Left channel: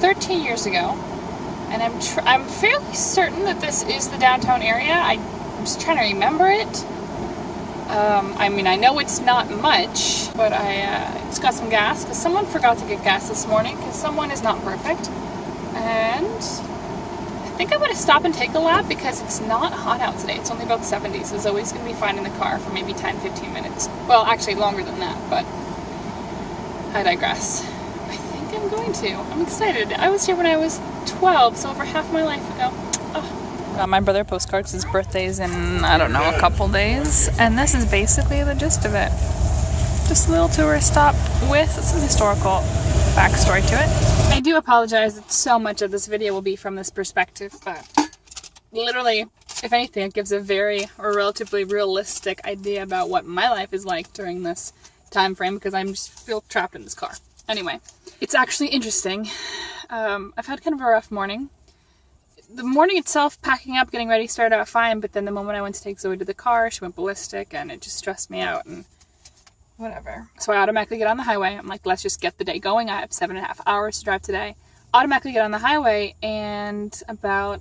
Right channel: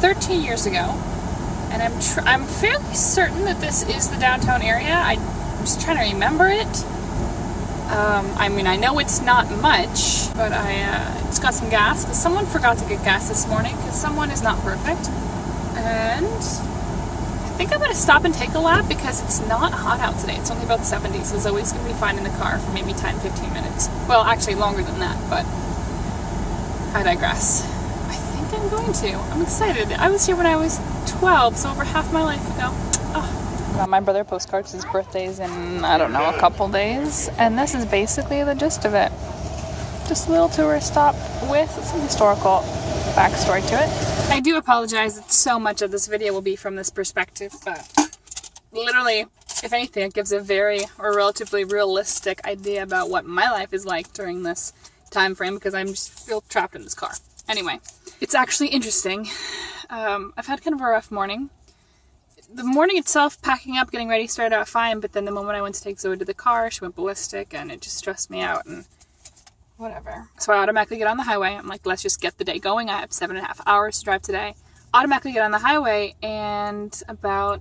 13 years ago, and I'm fairly certain that this is the downtown area. I'm just trying to remember it. I mean, I know it's not much, but I just got some gas because someone forgot to get gas this morning because someone is not perfect. And I think I'm going to stop and take a lap because it's not hot out today. It's only about 70, so it's always going to be fine in the car for maybe 10-15 minutes. Well, actually longer than that, but I digress. I think I'm going to. I'm excited. I was here when I was 12, so over half my life ago. Oh. Got my brother a postcard because his birthday's in, I don't know, a couple days. And this is basically the gist of it. Just a little tourist stop with some historical backstory to it. I do apologize that so much of this video will be from this perspective, but literally, if anything, it gives a very or relatively realistic idea about what my life is like during this time frame because I'm just feel trapped in this car. Anyway, it's actually interesting. I've had kind of a rough morning. The morning itself, packing up, getting ready, started out fine, but then the moment I went to take Zoe to the car, she went ballistic, and it just stressed me out, and whatever. So I automatically get on the highway. I'm like, let's just get the day going. I have 7.5 hours to drive today. Automatically get on the highway, and about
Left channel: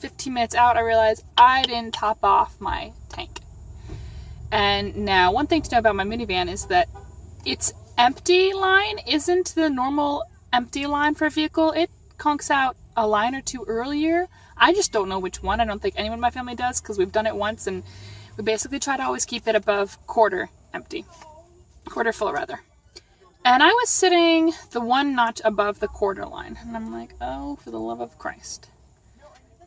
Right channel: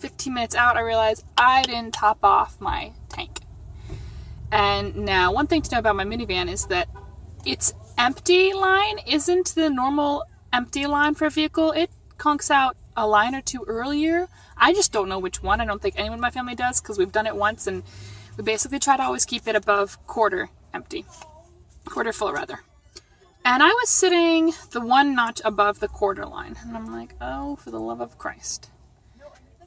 15 minutes out, I realized I didn't top off my tank. And now, one thing to know about my minivan is that its empty line isn't the normal empty line for a vehicle. It conks out a line or two earlier. I just don't know which one. I don't think anyone in my family does because we've done it once and we basically try to always keep it above quarter empty. Quarter full rather. And I was sitting the one notch above the quarter line and I'm like, oh, for the love of Christ.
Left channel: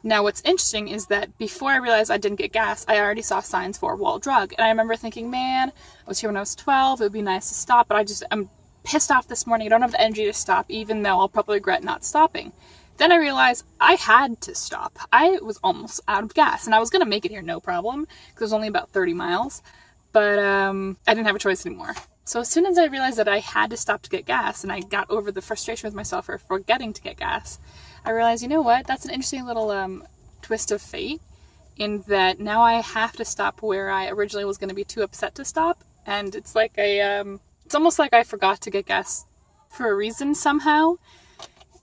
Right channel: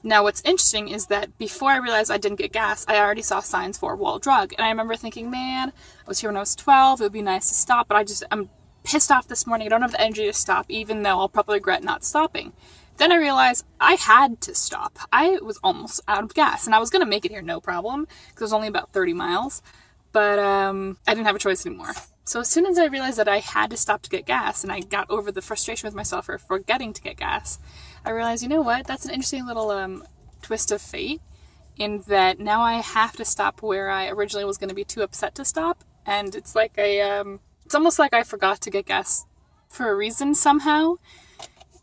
Now what's interesting is that before I realized I didn't get gas, I already saw signs for wall drug. And I remember thinking, man, I was here when I was 12. It would be nice to stop, but I'm pissed off this morning. I don't have the energy to stop, even though I'll probably regret not stopping. Then I realized I had to stop. I was almost out of gas, and I was going to make it here no problem, because it was only about 30 miles, but I didn't have a choice anymore. So as soon as I realized that I had to stop to get gas, and I got over the frustration with myself for forgetting to get gas, I realized, you know what, that's an interesting little twist of fate, in that now I have to stop where I originally was going to be too upset to stop, and it's like it's almost like I forgot to get gas for a reason somehow.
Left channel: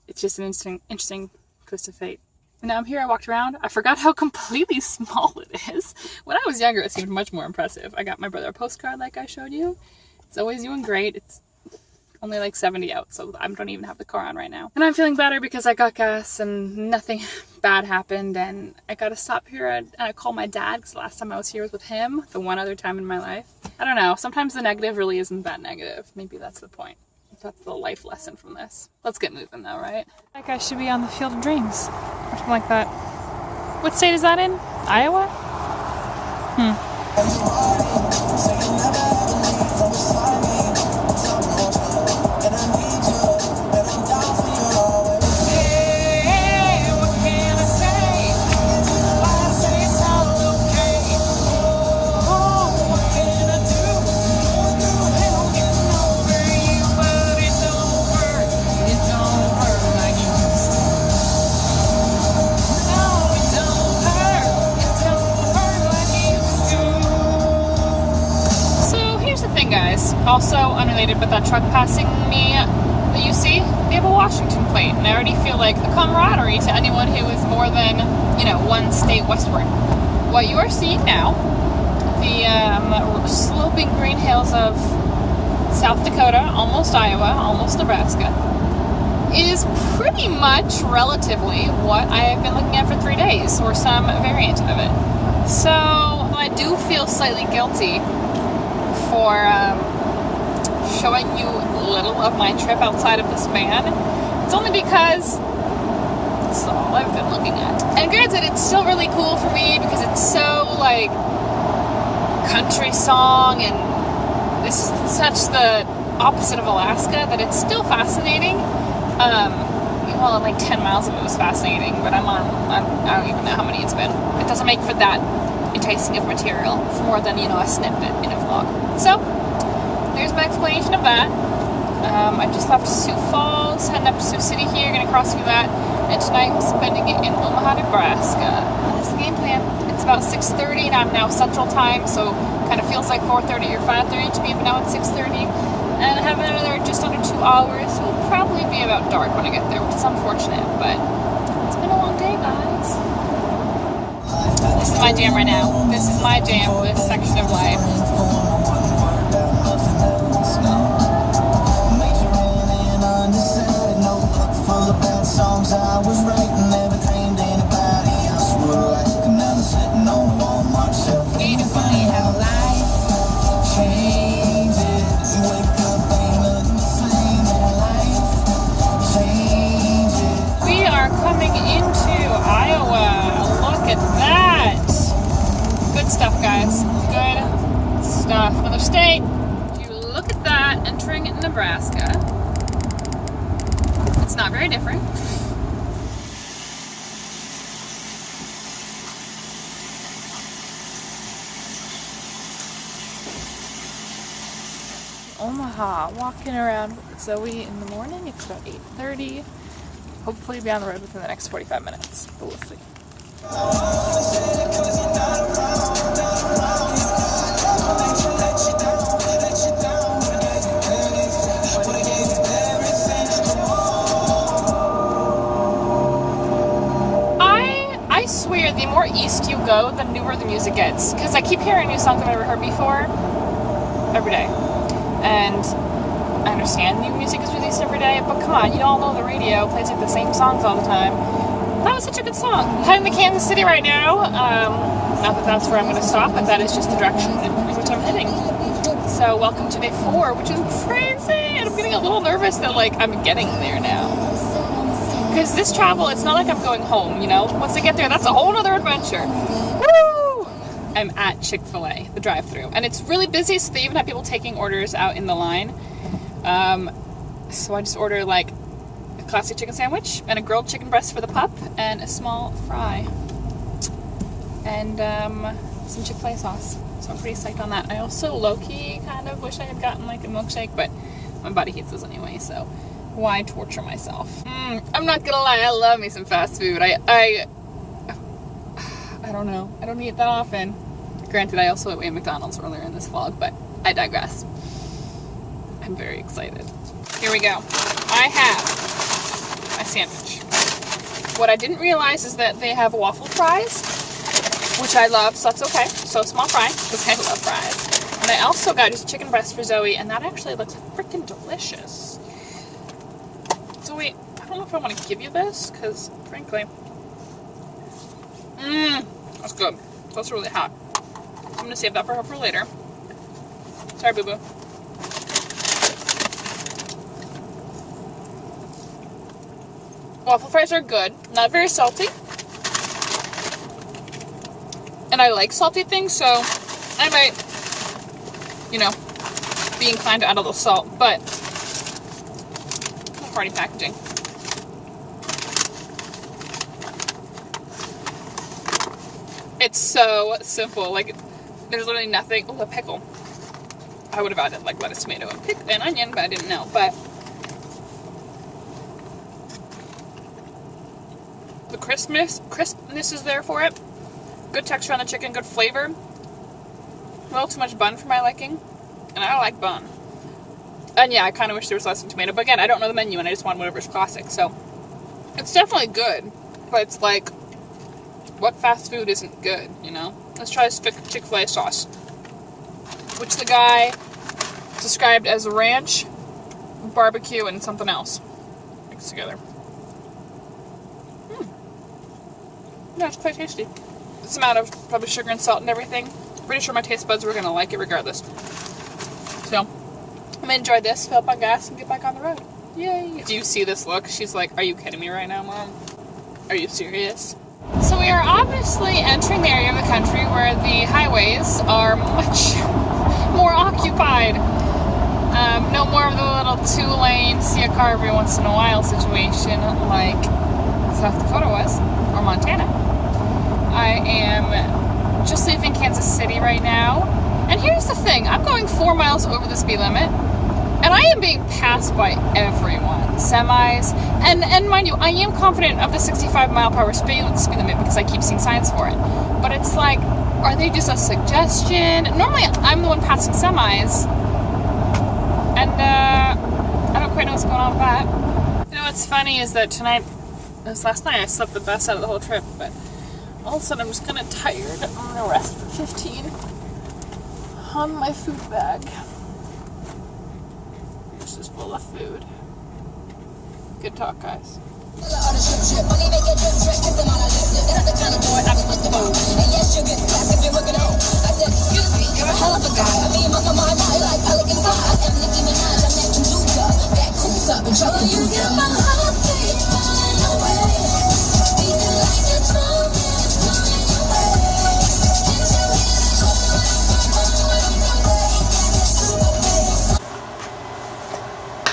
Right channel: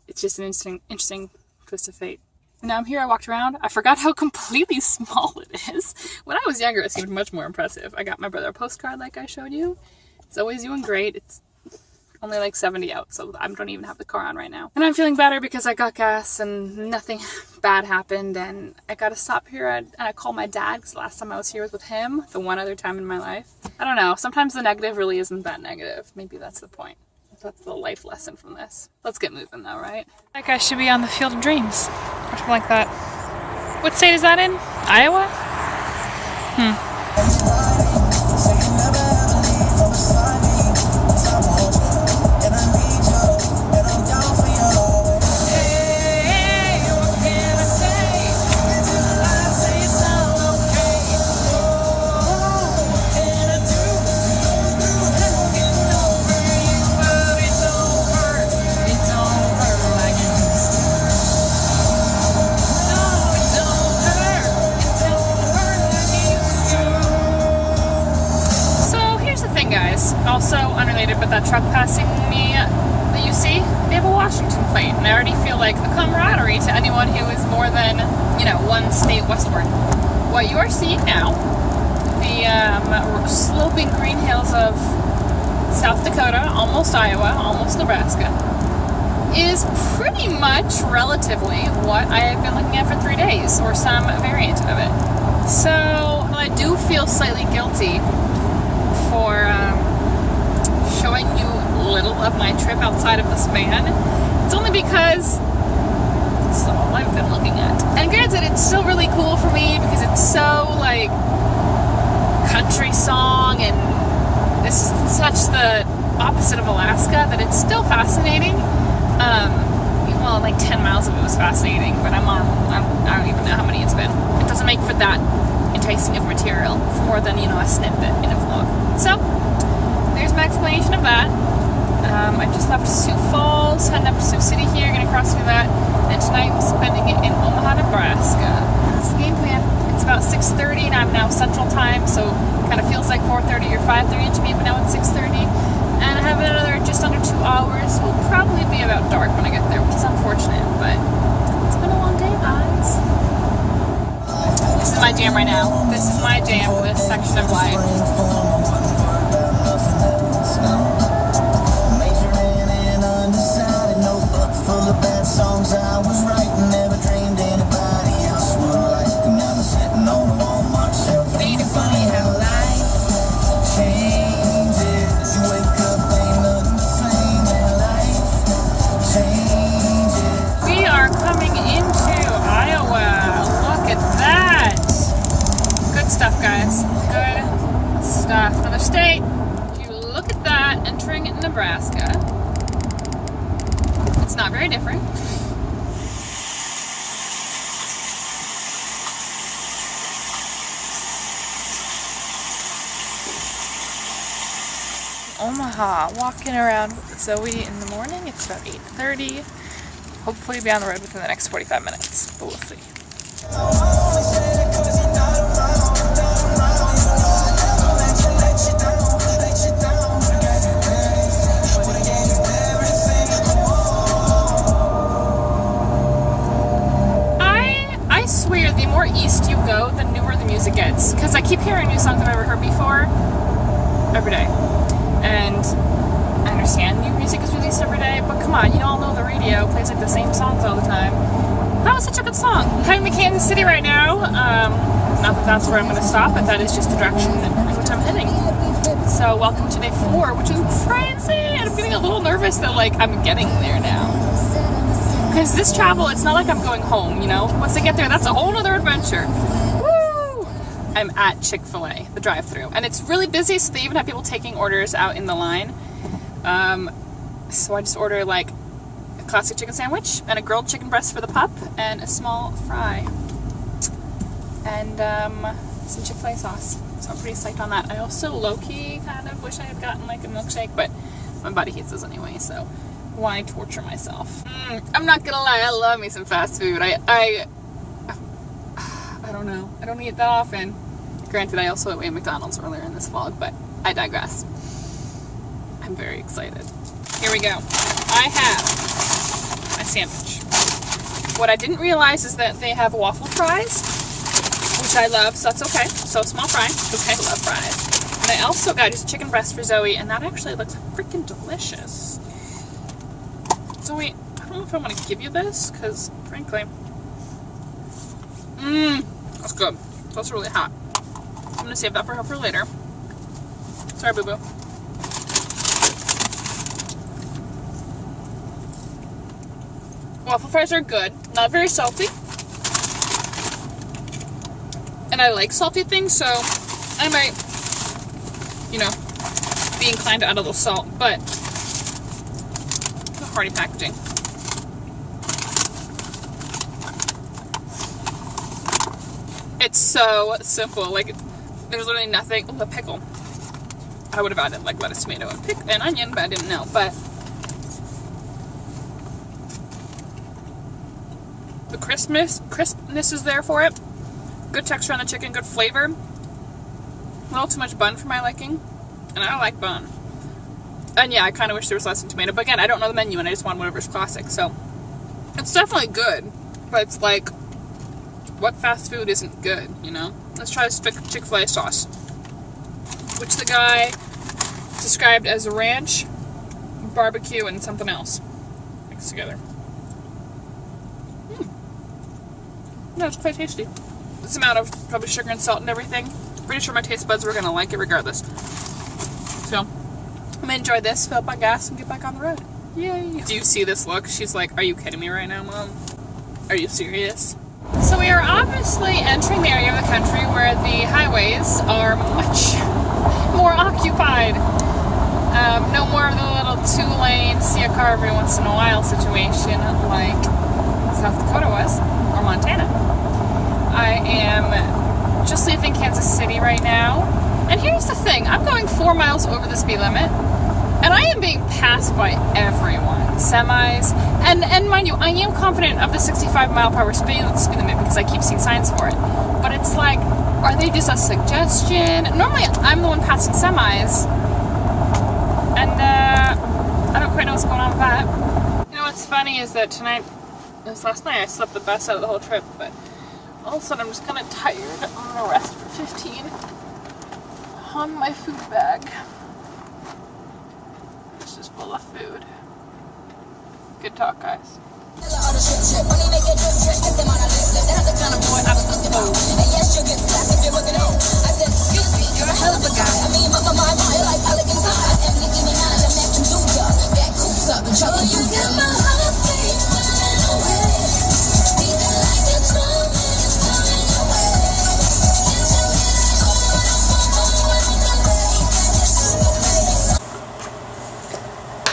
It's just an interesting twist of fate. And now I'm here, I walked around, I forgot how completely small it is. When I was younger, it seemed much more impressive. I got my brother a postcard like I showed you. It's always doing great. It's only like 70 out, so I don't even have the car on right now. And I'm feeling better because I got gas and nothing bad happened, and I got to stop here and I called my dad because the last time I was here was with him, the one other time in my life. I don't know, sometimes the negative really isn't that negative. Maybe that's the point. That's the life lesson from this. Let's get moving though, right? Like I should be on the Field of Dreams or something like that. What state is that in? Iowa? Also unrelated, but that truck passing me that you see, they have a Washington plate, and I already feel like a camaraderie to anyone who is more than, one state westward. What you are seeing now, the sloping green hills of South Dakota, almost Iowa, almost Nebraska, is pretty much relatively what I have been looking at for 3 days, or some variant of it. So I do feel slightly guilty for showing you little of my trip outside of this van. It's only because it's all I've been looking at. And granted, it's still really cool for me because it's so like country song, and this is such the opposite of Alaska that it's still fascinating. Well, like 10 miles of it was fascinating, but I don't even know how many it's been. It doesn't make for that enticing of material for more than, a snippet in a vlog. So there's my explanation of that. I just left Sioux Falls, heading up to Sioux City here, gonna cross through that, and tonight I'm spending it in Omaha, Nebraska. That's the game plan. It's about 6:30 and I'm now Central Time, so it kind of feels like 4:30 or 5:30 to me, but now it's 6:30. And I have another just under 2 hours. It will probably be about dark when I get there, which is unfortunate, but it's been a long day, guys. This is my jam right now. This is my jam for this section of life. We are coming into Iowa. Look at that. Good stuff, guys. Good stuff. Another state. If you look at that, entering Nebraska, it's not very different. Omaha, walking around with Zoe in the morning. It's about 8:30. Hopefully be on the road within the next 45 minutes, but we'll see. I swear, the more east you go, the newer the music gets. Because I keep hearing new songs I've never heard before every day. And I understand new music is released every day, but come on, you all know the radio plays like the same songs all the time. That was such a good song. I'm in Kansas City right now. Not that that's where I'm going to stop, but that is just the direction in which I'm heading. So welcome to day 4, which is crazy, and I'm getting a little nervous that like I'm getting there now. Because this travel, it's not like I'm going home, you know? Once I get there, that's a whole other adventure. Woo! I'm at Chick-fil-A, the drive-thru, and it's really busy, so they even have people taking orders out in the line. So I just order like a classic chicken sandwich and a grilled chicken breast for the pup and a small fry and some Chick-fil-A sauce. So I'm pretty psyched on that. I also low-key kind of wish I had gotten like a milkshake, but my body hates those anyway, so why torture myself? I'm not gonna lie, I love me some fast food. I don't know. I don't eat that often. Granted, I also ate McDonald's earlier in this vlog, but I digress. I'm very excited. Here we go. I have my sandwich. What I didn't realize is that they have waffle fries, which I love, so that's okay. So small fry, because I love fries. And I also got just chicken breast for Zoe, and that actually looks freaking delicious. Zoe, I don't know if I want to give you this, because frankly, that's good. That's really hot. So I'm going to save that for her for later. Sorry, boo-boo. Waffle fries are good. Not very salty. And I like salty things, so I might, you know, be inclined to add a little salt, but no party packaging. It's so simple. Like, there's literally nothing. Oh, a pickle. I would have added like lettuce, tomato, and onion, but I didn't know. But the crispness is there for it. Good texture on the chicken, good flavor. A little too much bun for my liking, and I don't like bun. And yeah, I kind of wish there was less tomato, but again, I don't know the menu, and I just want whatever's classic. So it's definitely good, but it's like, what fast food isn't good, you know? Let's try this Chick-fil-A sauce, which the guy described as ranch, barbecue, and something else mixed together. No, it's quite tasty. This amount of probably sugar and salt and everything. Pretty sure my taste buds were gonna like it regardless. So I'm gonna enjoy this, fill up my gas, and get back on the road. Yay! Do you see this look? She's like, "Are you kidding me right now, Mom? Are you serious?" So we are obviously entering the area of the country where the highways are much more occupied. No more of the little 2-lane, see a car every once in a while situation like South Dakota was, or Montana. I am just leaving Kansas City right now. And here's the thing, I'm going 4 miles over the speed limit, and I am being passed by everyone. Semis, and mind you, I am confident of the 65 mile per hour speed limit because I keep seeing signs for it. But it's like, are they just a suggestion? Normally, I'm the one passing semis, And I don't quite know what's going on with that. You know what's funny is that last night I slept the best out of the whole trip, but all of a sudden I'm just kind of tired. I'm gonna rest for 15 on my food bag. This is full of food. Good talk, guys.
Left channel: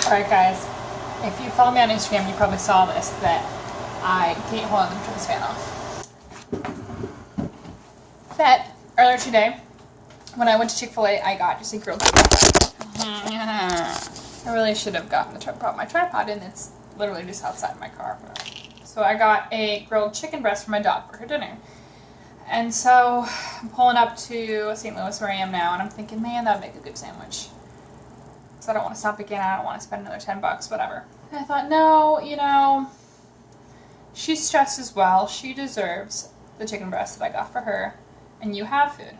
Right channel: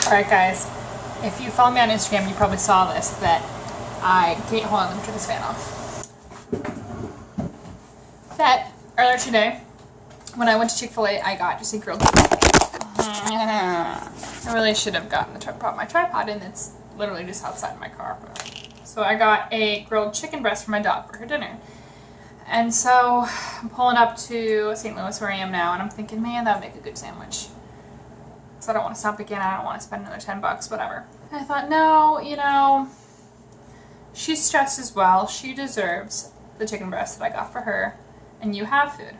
Alright guys, if you follow me on Instagram, you probably saw this, that hold on, let me turn this fan off. That earlier today, when I went to Chick-fil-A, I got just a grilled chicken. I really should have gotten brought my tripod in. It's literally just outside my car. So I got a grilled chicken breast for my dog for her dinner. And so I'm pulling up to St. Louis where I am now, and I'm thinking, man, that would make a good sandwich. So I don't want to stop again. I don't want to spend another $10, whatever. And I thought, no, you know, she's stressed as well. She deserves the chicken breast that I got for her, and you have food.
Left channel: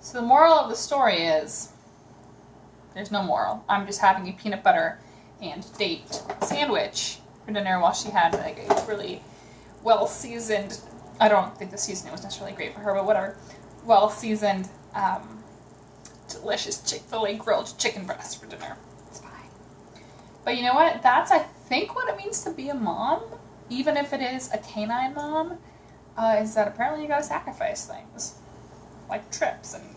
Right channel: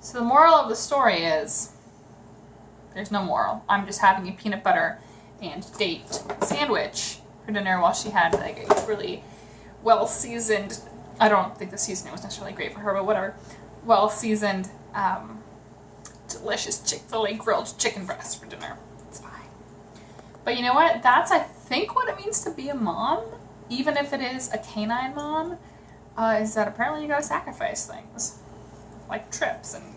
So the moral of the story is, there's no moral. I'm just having a peanut butter and date sandwich for dinner while she had like a really well-seasoned, I don't think the seasoning was necessarily great for her, but whatever, well-seasoned, delicious Chick-fil-A grilled chicken breast for dinner. It's fine. But you know what? That's, I think, what it means to be a mom, even if it is a canine mom, is that apparently you gotta sacrifice things. Like trips and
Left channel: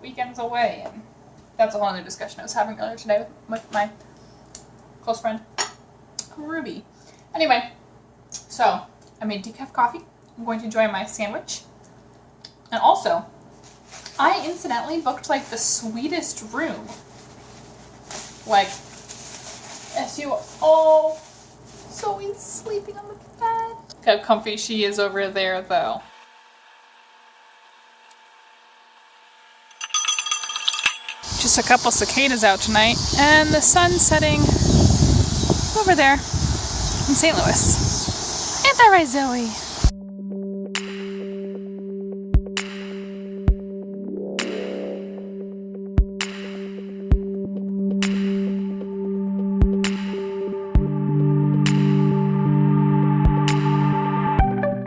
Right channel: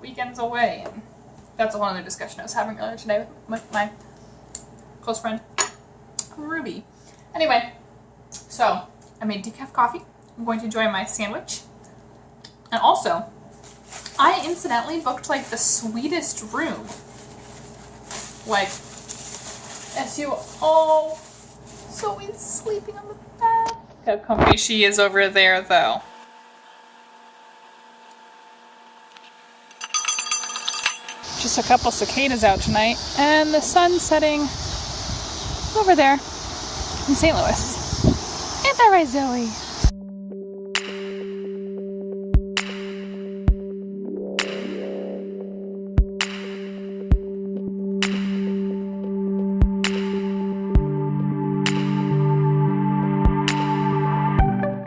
weekends away. And that's a whole other discussion I was having earlier today with my close friend, Ruby. Anyway, so I made decaf coffee. I'm going to enjoy my sandwich. And also, I incidentally booked like the sweetest room. Like, as you all, Zoe's sleeping on the bed. Look how comfy she is over there though. Just a couple cicadas out tonight, and the sun setting over there in St. Louis. Ain't that right, Zoe?